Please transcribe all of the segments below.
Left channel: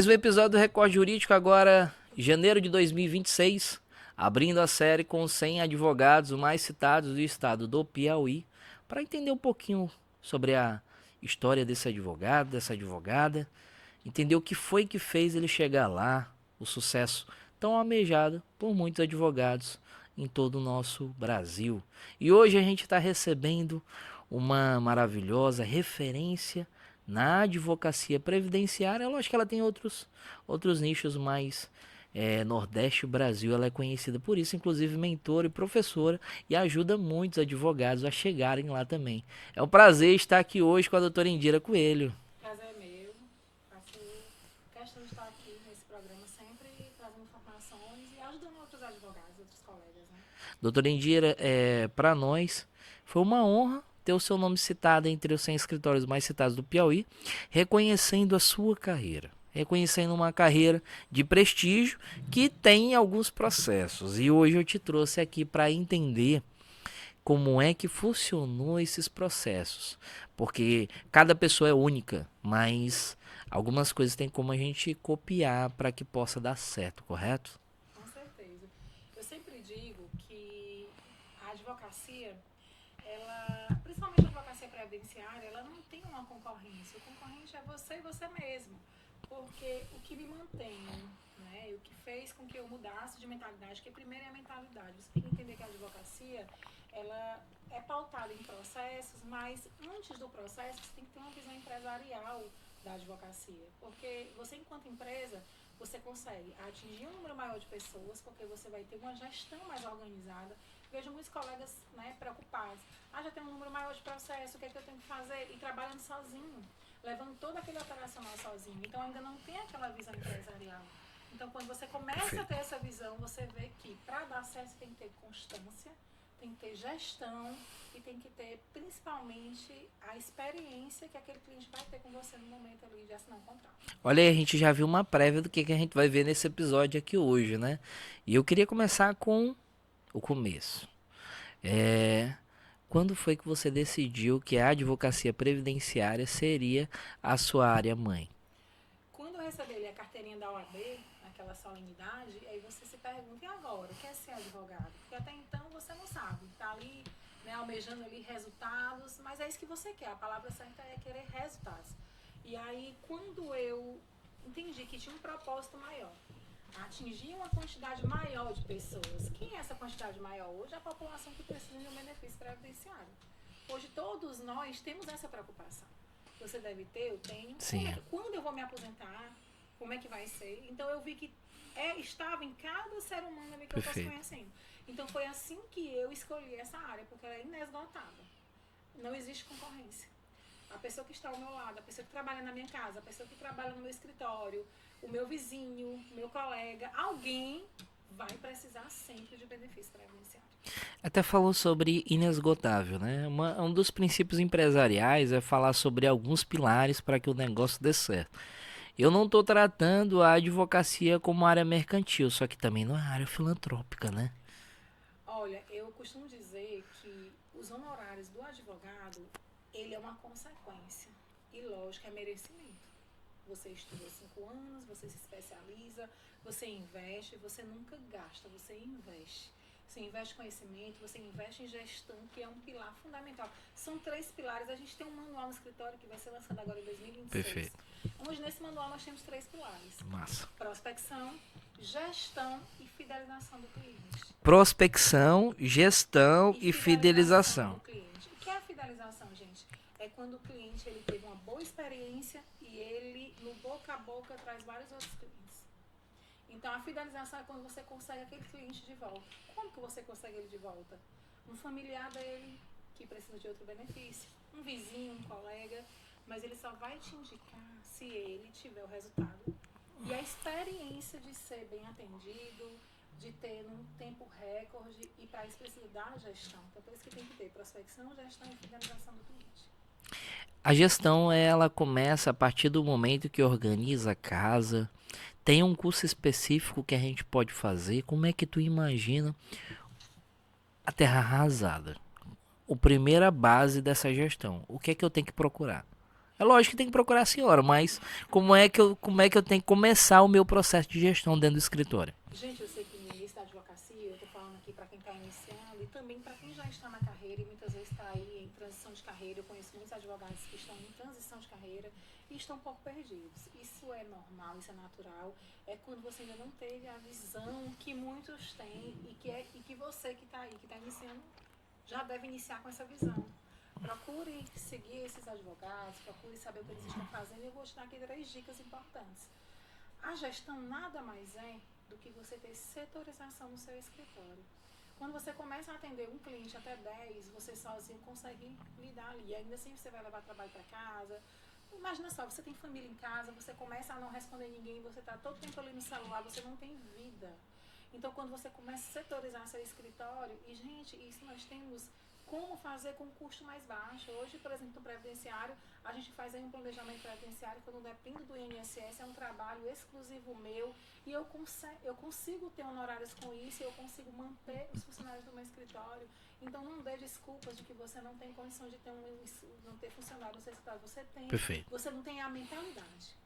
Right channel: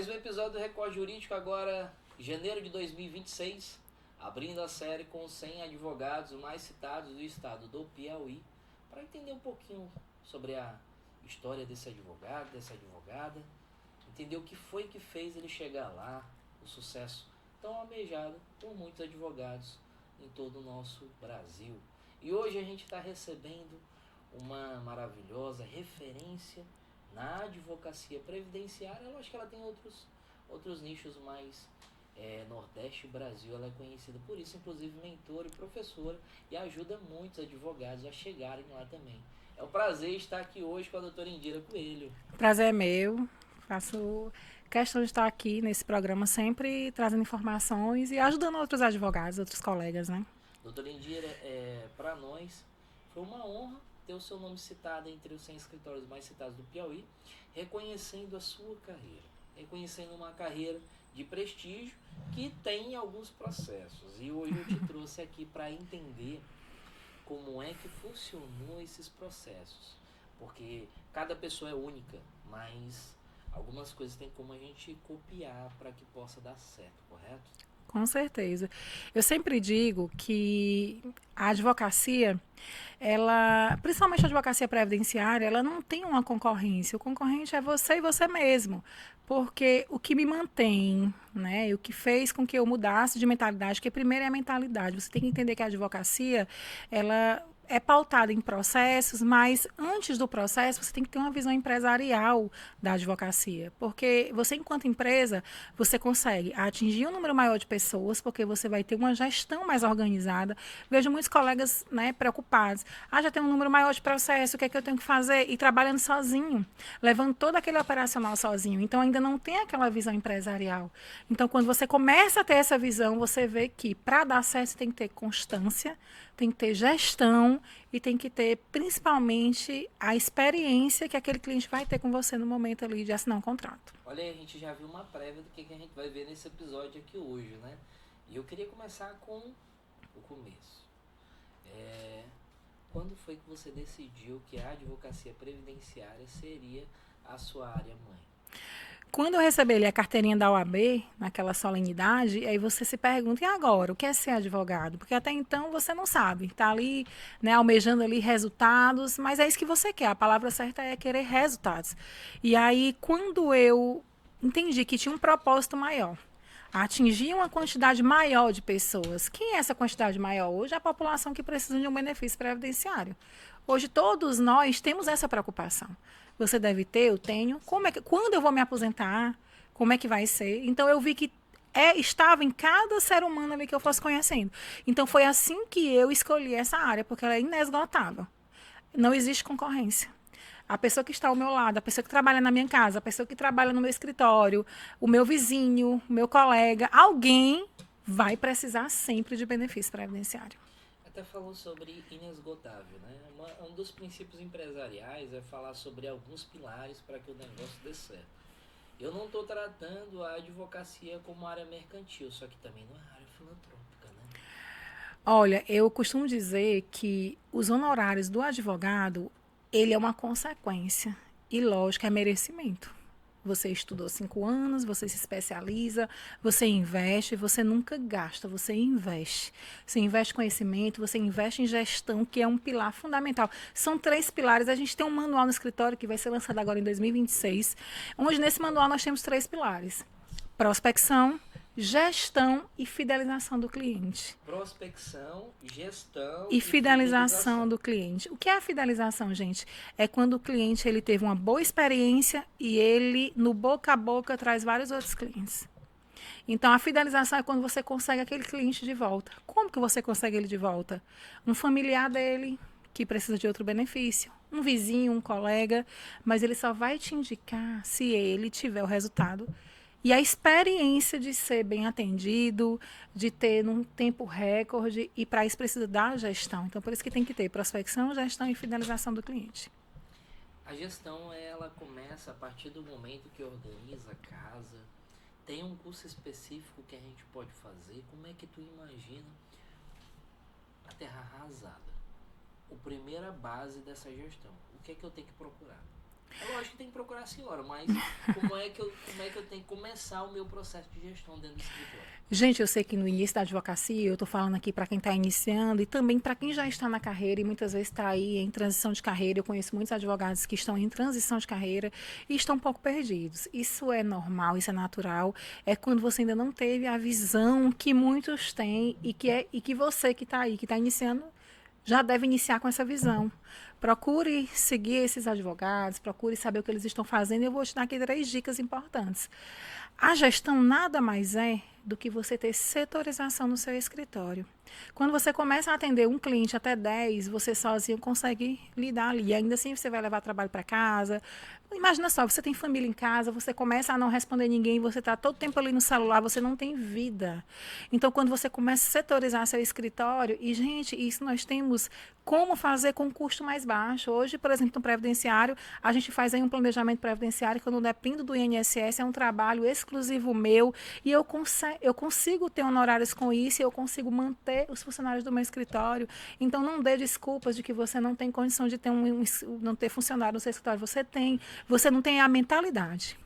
Mais um episódio do Recorde Jurídico agora, janeiro de 2026, abrindo a série com os 100 advogados mais citados do estado do Piauí, para entender um pouquinho sobre a história desse advogado, dessa advogada, entender o que foi que fez ele chegar lá, o sucesso tão almejado por muitos advogados em todo o nosso Brasil. E hoje a gente está recebendo uma maravilhosa referência na advocacia previdenciária. Eu acho que ela tem outros nichos, mais Nordeste Brasil ela é conhecida por isso, inclusive mentora e professora, e ajuda muitos advogados a chegarem lá também. É um prazer estar aqui hoje com a doutora Indira Coelho. Prazer é meu. Faço questão de estar aqui nesse programa sempre trazendo informações e ajudando outros advogados, outros colegas, né? Doutora Indira, para nós foi uma honra ter o seu nome citado entre os 100 escritórios mais citados do Piauí, reconhecendo a sua carreira. Reconhecendo uma carreira de prestígio que tem alguns processos. E hoje eu te trouxe aqui para entender como é que funcionou esses processos. Porque cada pessoa é única, mas algumas coisas tem como a gente copiar para que possa dar certo, correto? Com certeza. Eu sempre digo que a advocacia, ela, principalmente a advocacia previdenciária, ela não tem uma concorrência. O concorrente é você e você mesmo. Porque o que me mantém, né, e o que fez com que eu mudasse de mentalidade, que primeiro é a mentalidade. Você tem que entender que a advocacia, ela é pautada em processos, mas antes do processo você tem que ter uma visão empresarial da advocacia, porque você enquanto empresa, você consegue atingir um número maior de pessoas, porque você vai ter uma gestão mais organizada. Vejo muitos colegas, né, preocupados. Já tem um número maior de processos, o que é que eu tenho que fazer? E trabalhando sozinho, levando todo aquele operacional sozinho. Então ainda não tem aquela visão empresarial. Então quando você começa a ter essa visão, você vê que para dar certo você tem que ter constância, tem que ter gestão e tem que ter principalmente a experiência que aquele cliente vai ter com você no momento ali de assinar um contrato. Olha aí, a gente já viu uma prévia do que a gente vai ver nesse episódio aqui hoje, né? E eu queria começar com o começo. É, Quando foi que você decidiu que a advocacia previdenciária seria a sua área mãe? Quando eu recebi ali a carteirinha da OAB, naquela solenidade, aí você se pergunta, e agora, o que é ser advogado? Porque até então você não sabe, está ali, né, almejando ali resultados, mas é isso que você quer, a palavra certa é querer resultados. E aí, quando eu entendi que tinha um propósito maior, atingir uma quantidade maior de pessoas. Quem é essa quantidade maior? Hoje é a população que precisa de um benefício previdenciário. Hoje todos nós temos essa preocupação. Você deve ter, eu tenho. Sim, Quando eu vou me aposentar? Como é que vai ser? Então eu vi que estava em cada ser humano ali que eu fosse perfeito. conhecendo. Então foi assim que eu escolhi essa área, porque ela é inesgotável. Não existe concorrência. A pessoa que está ao meu lado, a pessoa que trabalha na minha casa, a pessoa que trabalha no meu escritório, o meu vizinho, o meu colega, alguém vai precisar sempre de benefício previdenciário. Até falou sobre inesgotável, né? Um dos princípios empresariais é falar sobre alguns pilares para que o negócio dê certo. Eu não estou tratando a advocacia como área mercantil, só que também não é área filantrópica, né? Olha, eu costumo dizer que os honorários do advogado, ele é uma consequência. E lógico, é merecimento. Você estudou 5 anos, você se especializa, você investe, você nunca gasta, você investe. Você investe em conhecimento, você investe em gestão, que é um pilar fundamental. São 3 pilares. A gente tem um manual no escritório que vai ser lançado agora em Perfeito. 2026, onde nesse manual nós temos 3 pilares: Massa. prospecção, gestão e fidelização do cliente. Prospecção, gestão E e fidelização fidelização. do cliente. O que é a fidelização, gente? É quando o cliente ele teve uma boa experiência e ele, no boca a boca, traz vários outros clientes. Então, a fidelização é quando você consegue aquele cliente de volta. Como que você consegue ele de volta? Um familiar dele que precisa de outro benefício, um vizinho, um colega, mas ele só vai te indicar se ele tiver o resultado e a experiência de ser bem atendido, de ter num tempo recorde, e para isso precisa da gestão. Então, por isso que tem que ter prospecção, gestão e fidelização do cliente. A gestão ela começa a partir do momento que organiza a casa. Tem um curso específico que a gente pode fazer. Como é que tu imagina a terra arrasada? A primeira base dessa gestão. O que é que eu tenho que procurar? É lógico que tem que procurar a senhora, mas como é que eu tenho que começar o meu processo de gestão dentro do escritório? Gente, eu sei que no início da advocacia, eu estou falando aqui para quem está iniciando e também para quem já está na carreira e muitas vezes está aí em transição de carreira. Eu conheço muitos advogados que estão em transição de carreira e estão um pouco perdidos. Isso é normal, isso é natural. É quando você ainda não teve a visão que muitos têm e que você que está aí, que está iniciando, já deve iniciar com essa visão. Procure seguir esses advogados, procure saber o que eles estão fazendo. E eu vou te dar aqui 3 dicas importantes. A gestão nada mais é do que você ter setorização no seu escritório. Quando você começa a atender um cliente até 10, você sozinho consegue lidar ali. E ainda assim você vai levar trabalho para casa. Imagina só, você tem família em casa, você começa a não responder ninguém, você está todo tempo ali no celular, você não tem vida. Então, quando você começa a setorizar seu escritório, e, gente, isso nós temos como fazer com custo mais baixo. Hoje, por exemplo, no previdenciário, a gente faz aí um planejamento previdenciário que eu não dependo do INSS, é um trabalho exclusivo meu, e eu consigo ter honorários com isso, e eu consigo manter os funcionários do meu escritório. Então, não dê desculpas de que você não tem condição de ter não ter funcionário no seu escritório. Você tem. Perfeito. Você não tem a mentalidade.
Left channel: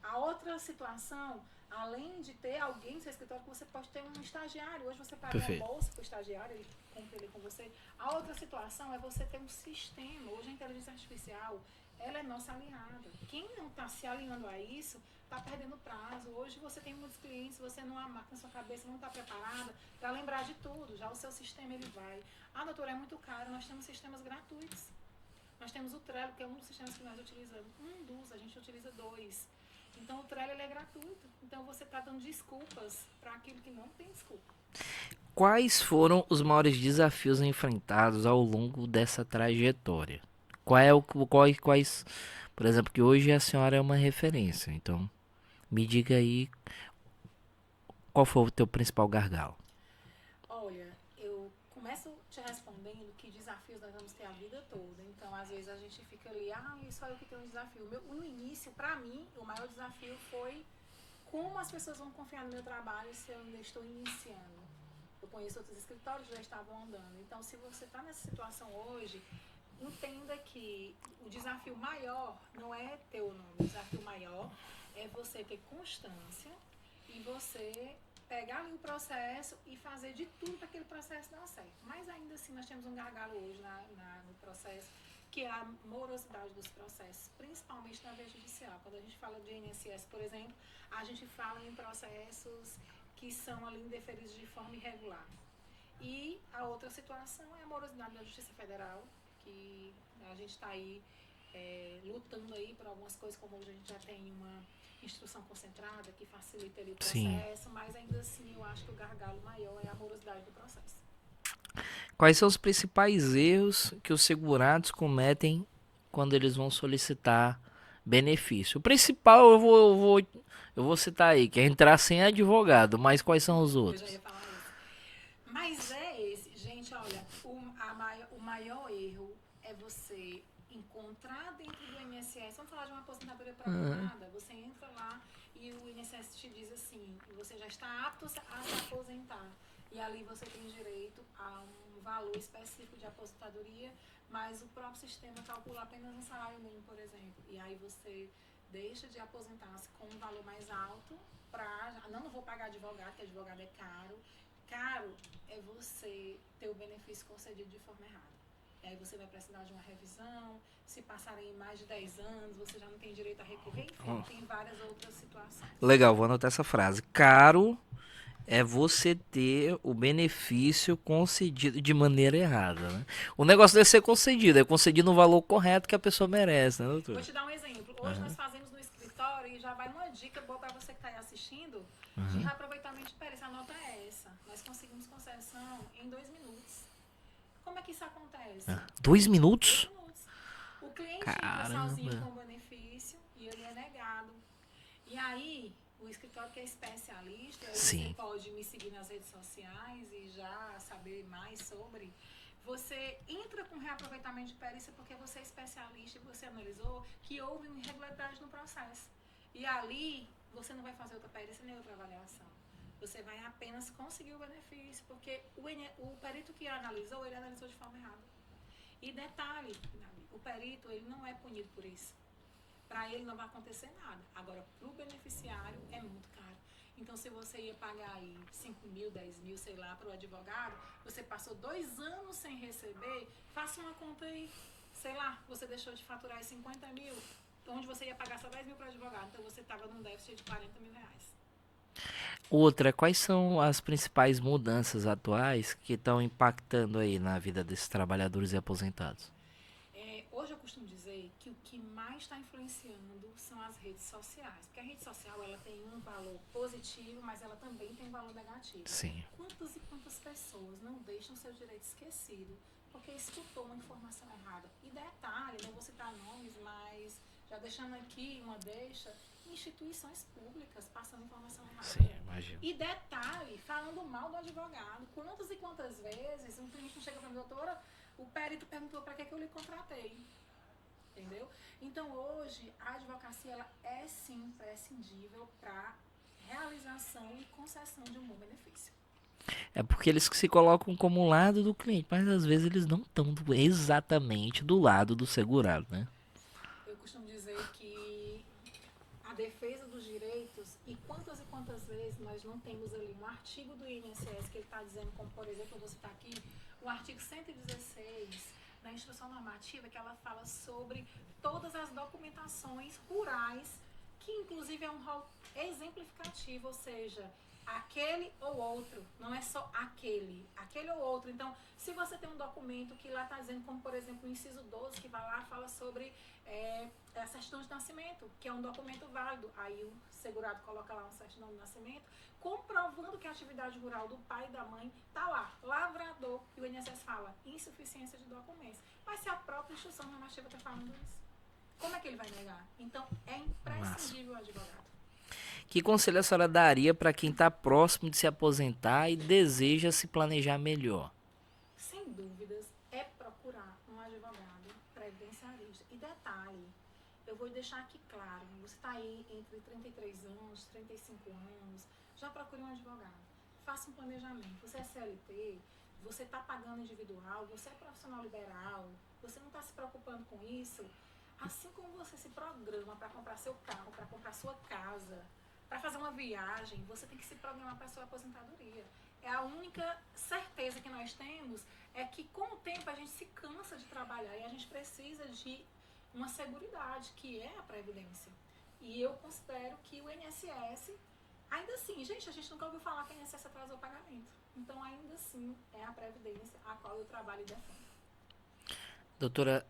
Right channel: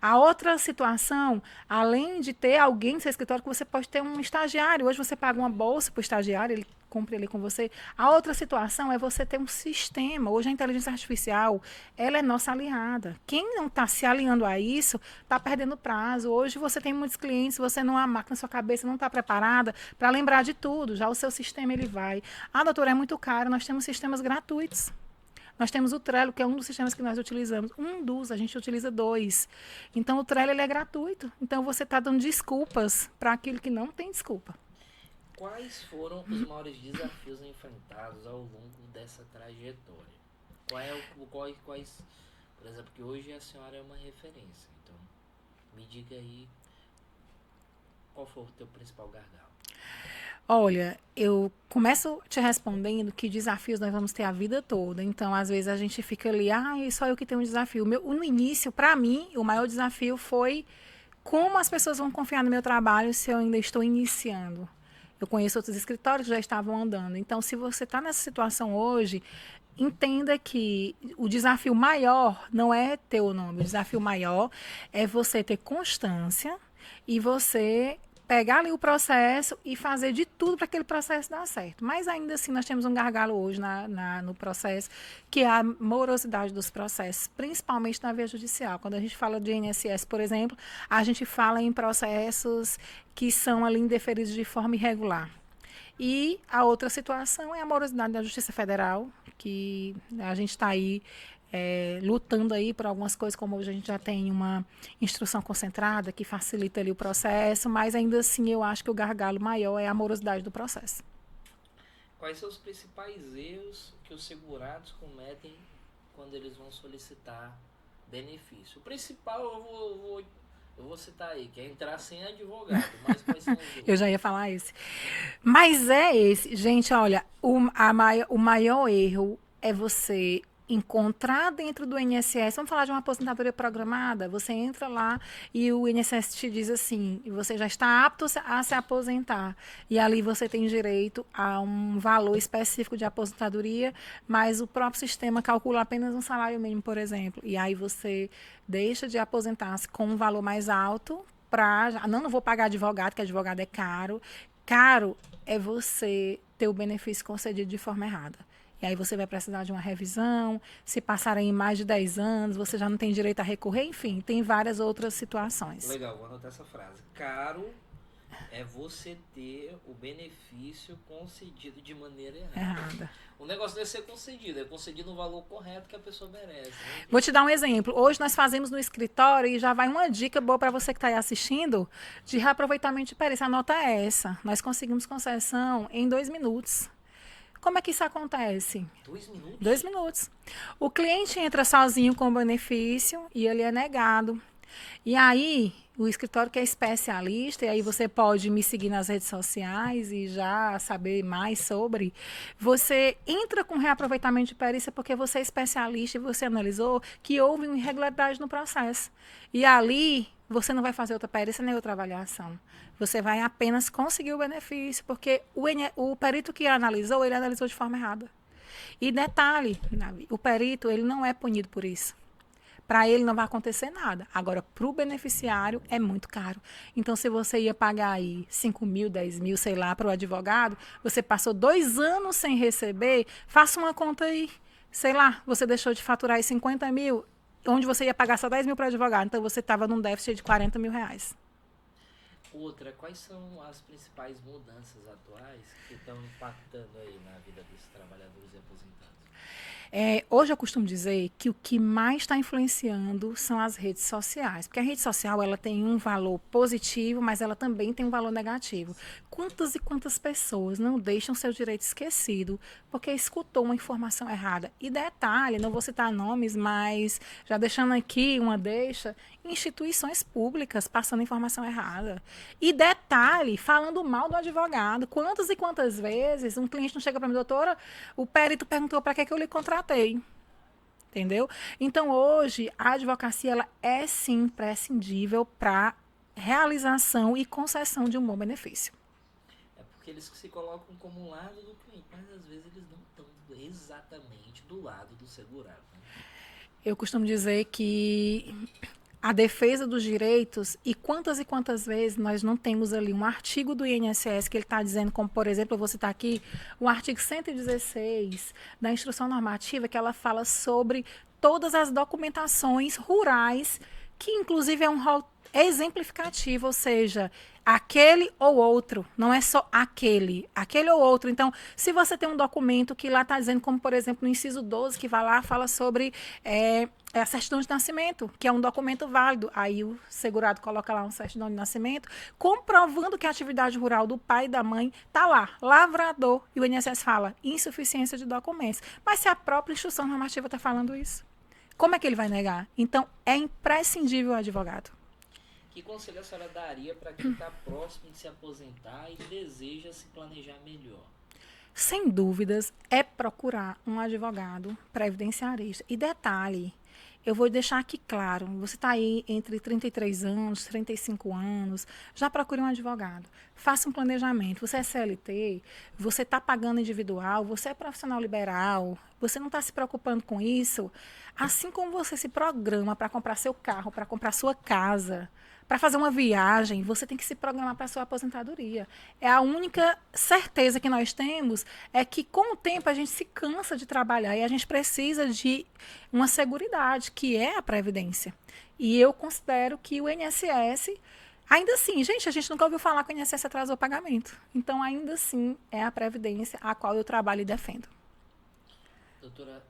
A outra situação, além de ter alguém no seu escritório, que você pode ter um estagiário. Hoje você paga uma Perfeito. bolsa para o estagiário, ele cumpre ali com você. A outra situação é você ter um sistema. Hoje a inteligência artificial, ela é nossa aliada. Quem não está se alinhando a isso, está perdendo prazo. Hoje você tem muitos clientes, você não há máquina na sua cabeça, não está preparada para lembrar de tudo. Já o seu sistema, ele vai. Ah, doutora, é muito caro. Nós temos sistemas gratuitos. Nós temos o Trello, que é um dos sistemas que nós utilizamos. A gente utiliza 2. Então, o Trello ele é gratuito. Então, você está dando desculpas para aquilo que não tem desculpa. Quais foram os maiores desafios enfrentados ao longo dessa trajetória? Quais, por exemplo, que hoje a senhora é uma referência, então me diga aí qual foi o teu principal gargalo. Olha, eu começo te respondendo que desafios nós vamos ter a vida toda. Então, às vezes, a gente fica ali, só eu que tenho um desafio. No início, para mim, o maior desafio foi como as pessoas vão confiar no meu trabalho se eu ainda estou iniciando. Eu conheço outros escritórios que já estavam andando. Então, se você está nessa situação hoje, entenda que o desafio maior não é ter o nome. O desafio maior é você ter constância e você pegar ali o processo e fazer de tudo para aquele processo dar certo. Mas ainda assim nós temos um gargalo hoje no processo, que é a morosidade dos processos, principalmente na via judicial. Quando a gente fala de INSS, por exemplo, a gente fala em processos que são ali indeferidos de forma irregular. E a outra situação é a morosidade da Justiça Federal, que a gente está aí lutando aí por algumas coisas, como hoje a gente já tem uma instrução concentrada que facilita ali o processo, mas ainda assim eu acho que o gargalo maior é a morosidade do processo. Quais são os principais erros que os segurados cometem quando eles vão solicitar benefício? O principal eu vou citar aí, que é entrar sem advogado, mas quais são os Eu outros? já ia falar esse. Mas é esse. Gente, olha, o maior erro é você encontrar dentro do INSS, vamos falar de uma aposentadoria programada, você entra lá e o INSS te diz assim, você já está apto a se aposentar. E ali você tem direito a um valor específico de aposentadoria, mas o próprio sistema calcula apenas um salário mínimo, por exemplo. E aí você deixa de aposentar-se com um valor mais alto para... Não vou pagar advogado, que advogado é caro. Caro é você ter o benefício concedido de forma errada. E aí você vai precisar de uma revisão, se passarem mais de 10 anos, você já não tem direito a recorrer, enfim, tem várias outras situações. Legal, vou anotar essa frase. Caro é você ter o benefício concedido de maneira errada, né? O negócio deve ser concedido, é concedido no valor correto que a pessoa merece, né, doutor? Vou te dar um exemplo. Hoje nós fazemos no escritório, e já vai uma dica boa para você que está aí assistindo, de reaproveitamento de perícia. Anota essa. Nós conseguimos concessão em 2 minutos. Como é que isso acontece? 2 minutos? 2 minutos. O cliente entra sozinho com o benefício e ele é negado. E aí, o escritório que é especialista, e aí você pode me seguir nas redes sociais e já saber mais sobre. Você entra com reaproveitamento de perícia porque você é especialista e você analisou que houve uma irregularidade no processo. E ali, você não vai fazer outra perícia nem outra avaliação. Você vai apenas conseguir o benefício, porque o perito que analisou, ele analisou de forma errada. E detalhe, o perito ele não é punido por isso. Para ele não vai acontecer nada. Agora, para o beneficiário, é muito caro. Então, se você ia pagar aí 5 mil, 10 mil, sei lá, para o advogado, você passou 2 anos sem receber, faça uma conta aí. Sei lá, você deixou de faturar aí 50 mil, onde você ia pagar só 10 mil para o advogado. Então, você estava num déficit de 40 mil reais. Outra, quais são as principais mudanças atuais que estão impactando aí na vida desses trabalhadores e aposentados? Hoje eu costumo dizer que o que mais está influenciando são as redes sociais, porque a rede social ela tem um valor positivo, mas ela também tem um valor negativo. Sim. Quantas e quantas pessoas não deixam seu direito esquecido porque escutou uma informação errada? E detalhe, não vou citar nomes, mas já deixando aqui uma deixa, instituições públicas passando informação errada. E detalhe, falando mal do advogado. Quantas e quantas vezes um cliente não chega para mim, doutora, o perito perguntou para que eu lhe contratei. Entendeu? Então, hoje, a advocacia ela é sim imprescindível para realização e concessão de um bom benefício. É porque eles se colocam como lado do cliente, mas às vezes eles não estão exatamente do lado do segurado, né? Eu costumo dizer que a defesa dos direitos e quantas vezes nós não temos ali um artigo do INSS que ele está dizendo, como por exemplo, eu vou citar aqui o artigo 116 da instrução normativa, que ela fala sobre todas as documentações rurais, que inclusive é um rol exemplificativo, ou seja, aquele ou outro, não é só aquele ou outro. Então, se você tem um documento que lá está dizendo, como por exemplo no inciso 12, que vai lá, fala sobre a certidão de nascimento, que é um documento válido. Aí o segurado coloca lá uma certidão de nascimento, comprovando que a atividade rural do pai e da mãe está lá, lavrador, e o INSS fala insuficiência de documentos. Mas se a própria instrução normativa está falando isso, como é que ele vai negar? Então, é imprescindível o advogado. Que conselho a senhora daria para quem está próximo de se aposentar e deseja se planejar melhor? Sem dúvidas, é procurar um advogado previdenciarista. E detalhe, eu vou deixar aqui claro, você está aí entre 33 anos, 35 anos, já procure um advogado. Faça um planejamento. Você é CLT, você está pagando individual, você é profissional liberal, você não está se preocupando com isso. Assim como você se programa para comprar seu carro, para comprar sua casa, para fazer uma viagem, você tem que se programar para a sua aposentadoria. É a única certeza que nós temos é que com o tempo a gente se cansa de trabalhar e a gente precisa de uma seguridade, que é a previdência. E eu considero que o INSS, ainda assim, gente, a gente nunca ouviu falar que o INSS atrasou o pagamento. Então, ainda assim, é a previdência a qual eu trabalho e defendo. Doutora,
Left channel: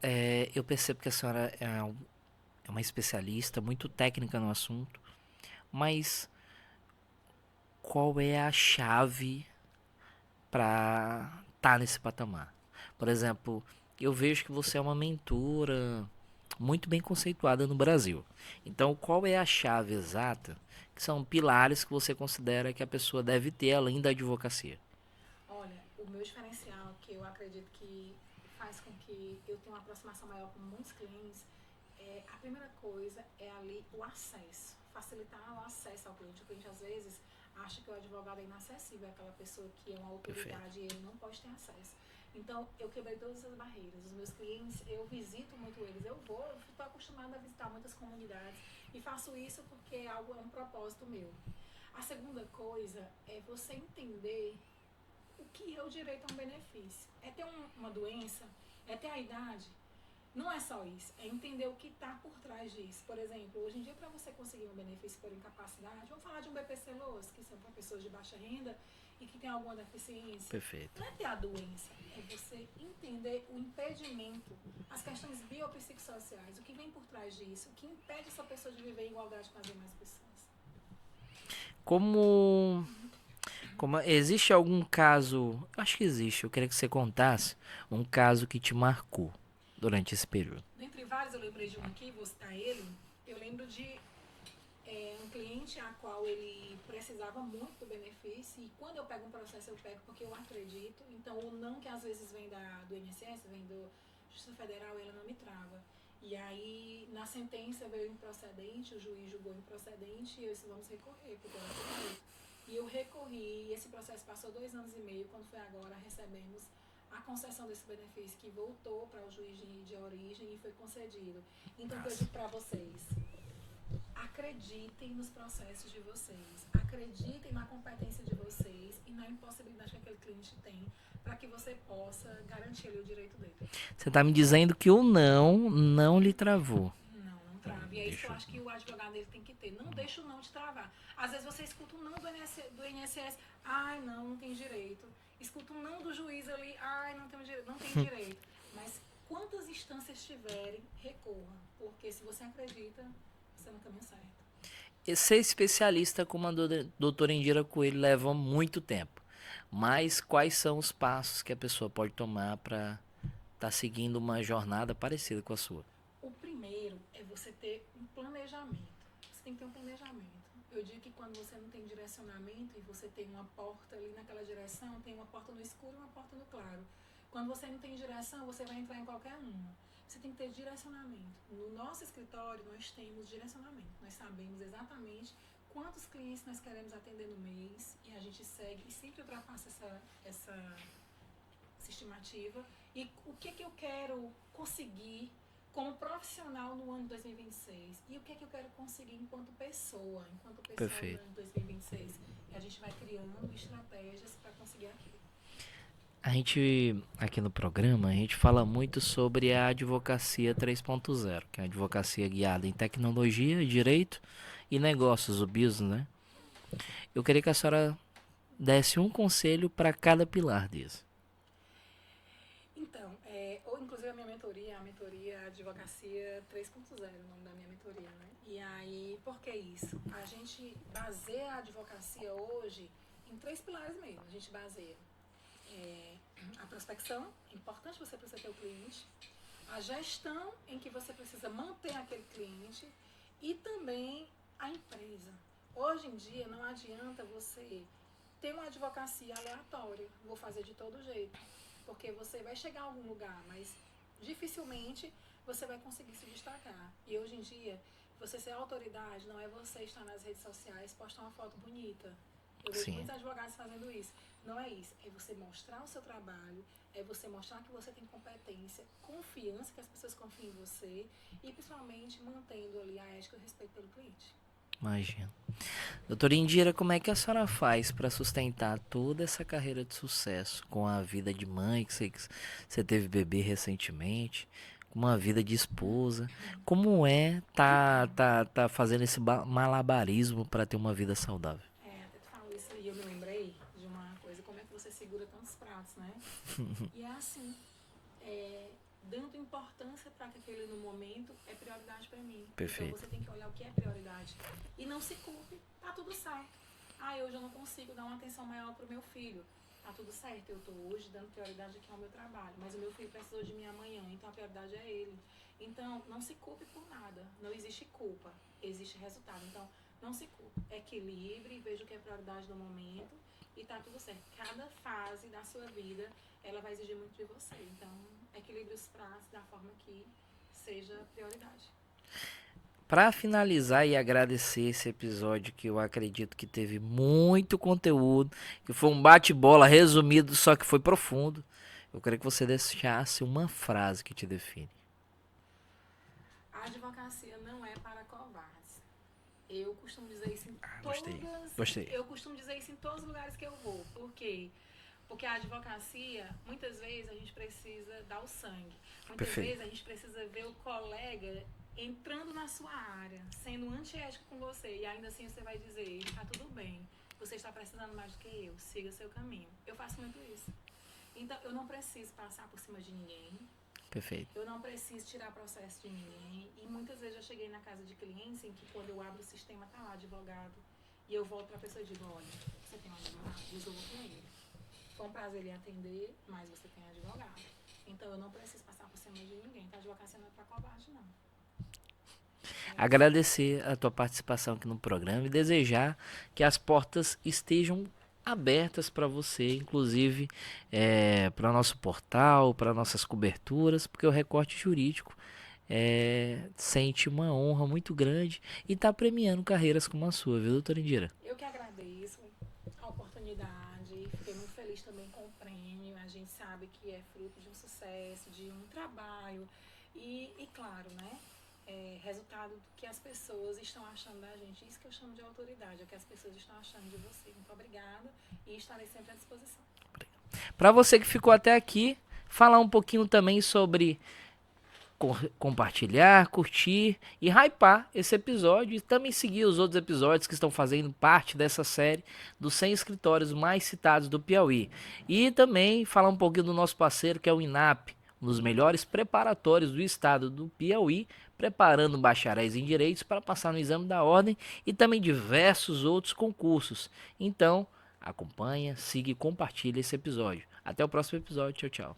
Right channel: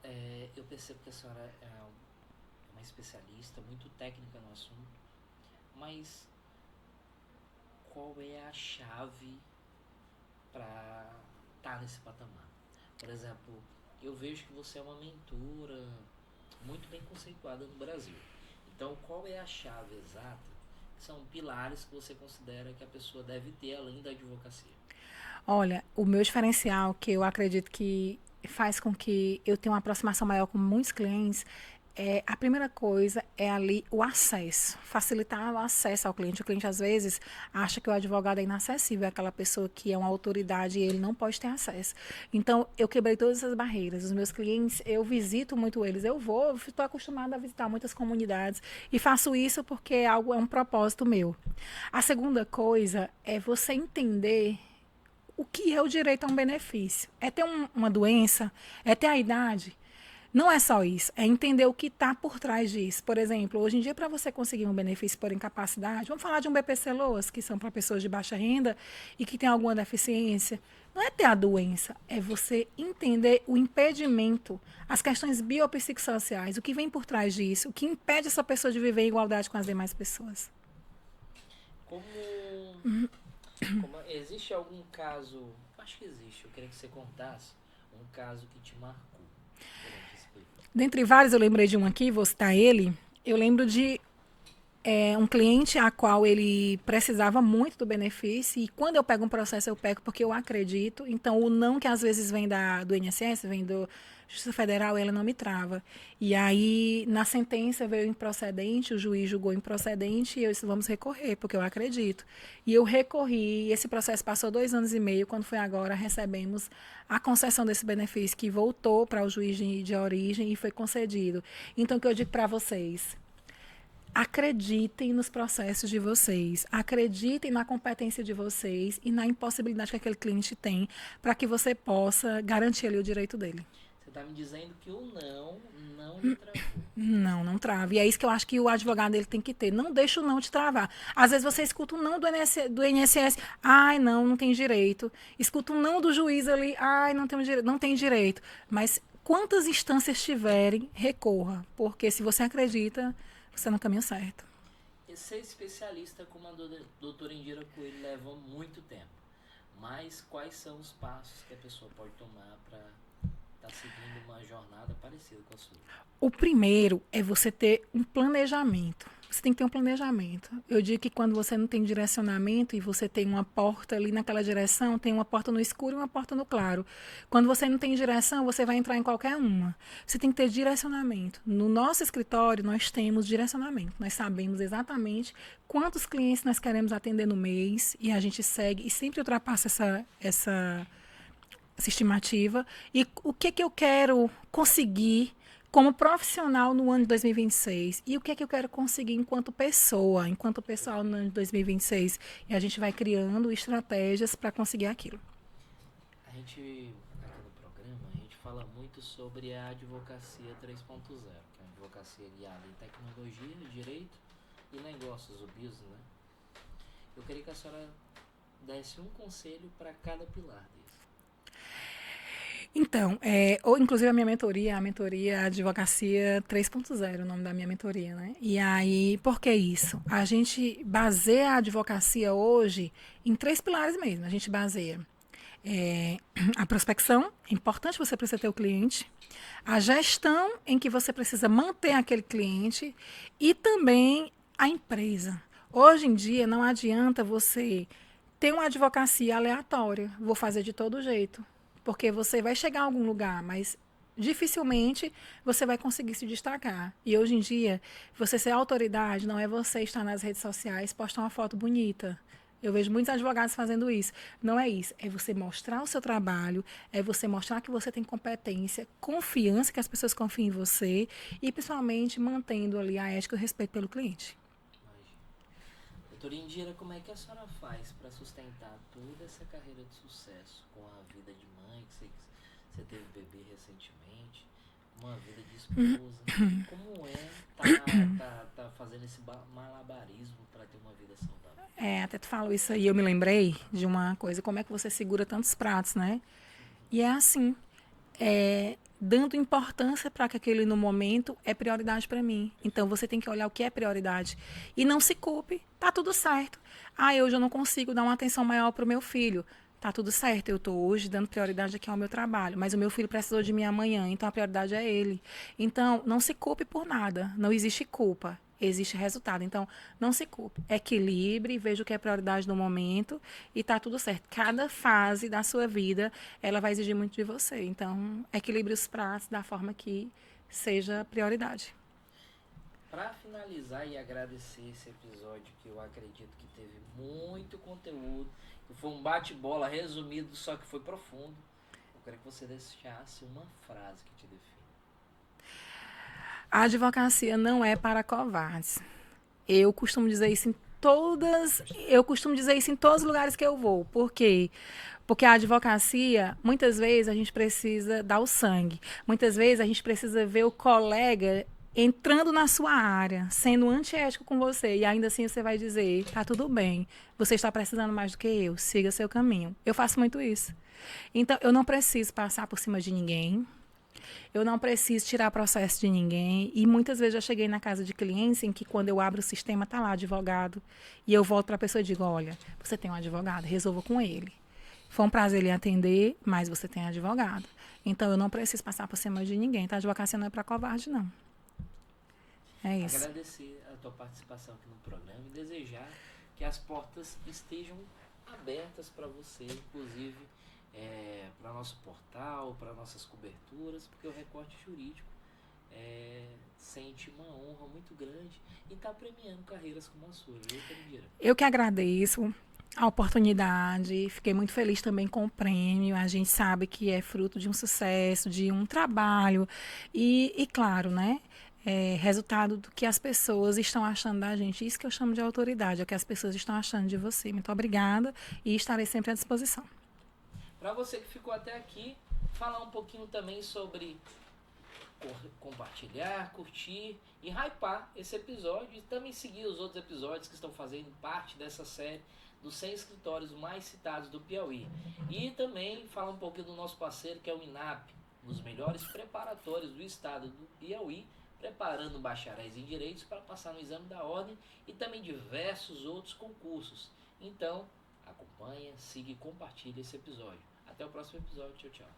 eu percebo que a senhora é uma especialista, muito técnica no assunto, mas qual é a chave para estar nesse patamar? Por exemplo, eu vejo que você é uma mentora muito bem conceituada no Brasil. Então, qual é a chave exata, que são pilares que você considera que a pessoa deve ter além da advocacia? Olha, o meu diferencial, que eu acredito que faz com que eu tenha uma aproximação maior com muitos clientes, a primeira coisa é ali o acesso, facilitar o acesso ao cliente. O cliente, às vezes, acha que o advogado é inacessível, é aquela pessoa que é uma autoridade e ele não pode ter acesso. Então, eu quebrei todas essas barreiras. Os meus clientes, eu visito muito eles. Estou acostumada a visitar muitas comunidades e faço isso porque é um propósito meu. A segunda coisa é você entender o que é o direito a um benefício. É ter uma doença, é ter a idade. Não é só isso, é entender o que está por trás disso. Por exemplo, hoje em dia, para você conseguir um benefício por incapacidade, vamos falar de um BPC-LOAS, que são para pessoas de baixa renda e que têm alguma deficiência. Perfeito. Não é ter a doença, é você entender o impedimento, as questões biopsicossociais, o que vem por trás disso, o que impede essa pessoa de viver em igualdade com as demais pessoas. Como existe algum caso, acho que existe, eu queria que você contasse um caso que te marcou durante esse período. Dentre vários, eu lembrei de um aqui, vou citar ele. Eu lembro de um cliente a qual ele precisava muito do benefício e quando eu pego um processo, eu pego porque eu acredito. Então, o não que às vezes vem do INSS, vem do Justiça Federal, ela não me trava. E aí, na sentença veio improcedente, o juiz julgou improcedente e eu disse, vamos recorrer, porque eu acredito. E eu recorri, e esse processo passou 2 anos e meio, quando foi agora, recebemos a concessão desse benefício, que voltou para o juiz de origem e foi concedido. Então, o que eu digo para vocês? Acreditem nos processos de vocês, acreditem na competência de vocês e na impossibilidade que aquele cliente tem para que você possa garantir ali o direito dele. Você está me dizendo que o não lhe travou. Não, não trava. E é isso que eu acho que o advogado ele tem que ter. Não deixa o não te travar. Às vezes você escuta um não do INSS, ai, não, não tem direito. Escuta um não do juiz ali, ai, não tem direito, não tem direito. Mas quantas instâncias tiverem, recorra, porque se você acredita, você é no caminho certo. E ser especialista como a doutora Indira Coelho leva muito tempo. Mas quais são os passos que a pessoa pode tomar para estar seguindo uma jornada parecida com a sua? O primeiro é você ter um planejamento. Você tem que ter um planejamento. Eu digo que quando você não tem direcionamento e você tem uma porta ali naquela direção, tem uma porta no escuro e uma porta no claro. Quando você não tem direção, você vai entrar em qualquer uma. Você tem que ter direcionamento. No nosso escritório, nós temos direcionamento. Nós sabemos exatamente quantos clientes nós queremos atender no mês e a gente segue e sempre ultrapassa essa estimativa. E o que eu quero conseguir como profissional no ano de 2026 e o que eu quero conseguir enquanto pessoa pessoal no ano de 2026. E a gente vai criando estratégias para conseguir aquilo. A gente, aqui no programa, a gente fala muito sobre a advocacia 3.0, que é a advocacia guiada em tecnologia, direito e negócios, o business, né? Eu queria que a senhora desse um conselho para cada pilar desse. Então, inclusive a mentoria Advocacia 3.0, o nome da minha mentoria, né? E aí, por que isso? A gente baseia a advocacia hoje em 3 pilares mesmo. A gente baseia a prospecção, é importante você precisa ter o cliente, a gestão em que você precisa manter aquele cliente e também a empresa. Hoje em dia, não adianta você ter uma advocacia aleatória, vou fazer de todo jeito. Porque você vai chegar a algum lugar, mas dificilmente você vai conseguir se destacar. E hoje em dia, você ser autoridade não é você estar nas redes sociais, postar uma foto bonita. Eu vejo muitos advogados fazendo isso. Não é isso. É você mostrar o seu trabalho, é você mostrar que você tem competência, confiança, que as pessoas confiem em você e, principalmente, mantendo ali a ética e o respeito pelo cliente. Imagina. Doutora Indira, como é que a senhora faz para sustentar toda essa carreira de sucesso com a vida de mãe, que você teve bebê recentemente, com uma vida de esposa? Como é tá fazendo esse malabarismo para ter uma vida saudável? Até tu falou isso aí, eu me lembrei de uma coisa, como é que você segura tantos pratos, né? E é assim, dando importância para que aquele no momento é prioridade para mim. Perfeito. Então você tem que olhar o que é prioridade. E não se culpe, tá tudo certo. Hoje eu não consigo dar uma atenção maior para o meu filho. Tá tudo certo, eu estou hoje dando prioridade aqui ao meu trabalho, mas o meu filho precisou de mim amanhã, então a prioridade é ele. Então, não se culpe por nada, não existe culpa. Existe resultado. Então, não se culpe. Equilibre, veja o que é prioridade no momento e tá tudo certo. Cada fase da sua vida, ela vai exigir muito de você. Então, equilibre os pratos da forma que seja prioridade. Para finalizar e agradecer esse episódio que eu acredito que teve muito conteúdo, que foi um bate-bola resumido, só que foi profundo, eu queria que você deixasse uma frase que te define. A advocacia não é para covardes. Eu costumo dizer isso em eu costumo dizer isso em todos os lugares que eu vou. Por quê? Porque a advocacia, muitas vezes a gente precisa dar o sangue. Muitas vezes a gente precisa ver o colega entrando na sua área, sendo antiético com você, e ainda assim você vai dizer, tá tudo bem, você está precisando mais do que eu, siga seu caminho. Eu faço muito isso. Então, eu não preciso passar por cima de ninguém. Perfeito. Eu não preciso tirar processo de ninguém. E muitas vezes já cheguei na casa de clientes em que quando eu abro o sistema, tá lá advogado. E eu volto para a pessoa e digo, olha, você tem um advogado, resolva com ele. Foi um prazer lhe atender, mas você tem advogado. Então, eu não preciso passar por cima de ninguém. Tá? A advocacia não é para covarde, não. É isso. Agradecer a tua participação aqui no programa e desejar que as portas estejam abertas para você, inclusive para nosso portal, para nossas coberturas, porque o Recorte Jurídico sente uma honra muito grande e está premiando carreiras como a sua, viu, doutora Indira? Eu que agradeço a oportunidade, fiquei muito feliz também com o prêmio. A gente sabe que é fruto de um sucesso, de um trabalho e claro, né? Resultado do que as pessoas estão achando da gente. Isso que eu chamo de autoridade, é o que as pessoas estão achando de você. Muito obrigada e estarei sempre à disposição. Para você que ficou até aqui, falar um pouquinho também sobre compartilhar, curtir e hypar esse episódio e também seguir os outros episódios que estão fazendo parte dessa série dos 100 escritórios mais citados do Piauí. E também falar um pouquinho do nosso parceiro que é o INAP, um dos melhores preparatórios do estado do Piauí, preparando bacharéis em direitos para passar no exame da ordem e também diversos outros concursos. Então, acompanha, siga e compartilha esse episódio. Até o próximo episódio. Tchau, tchau.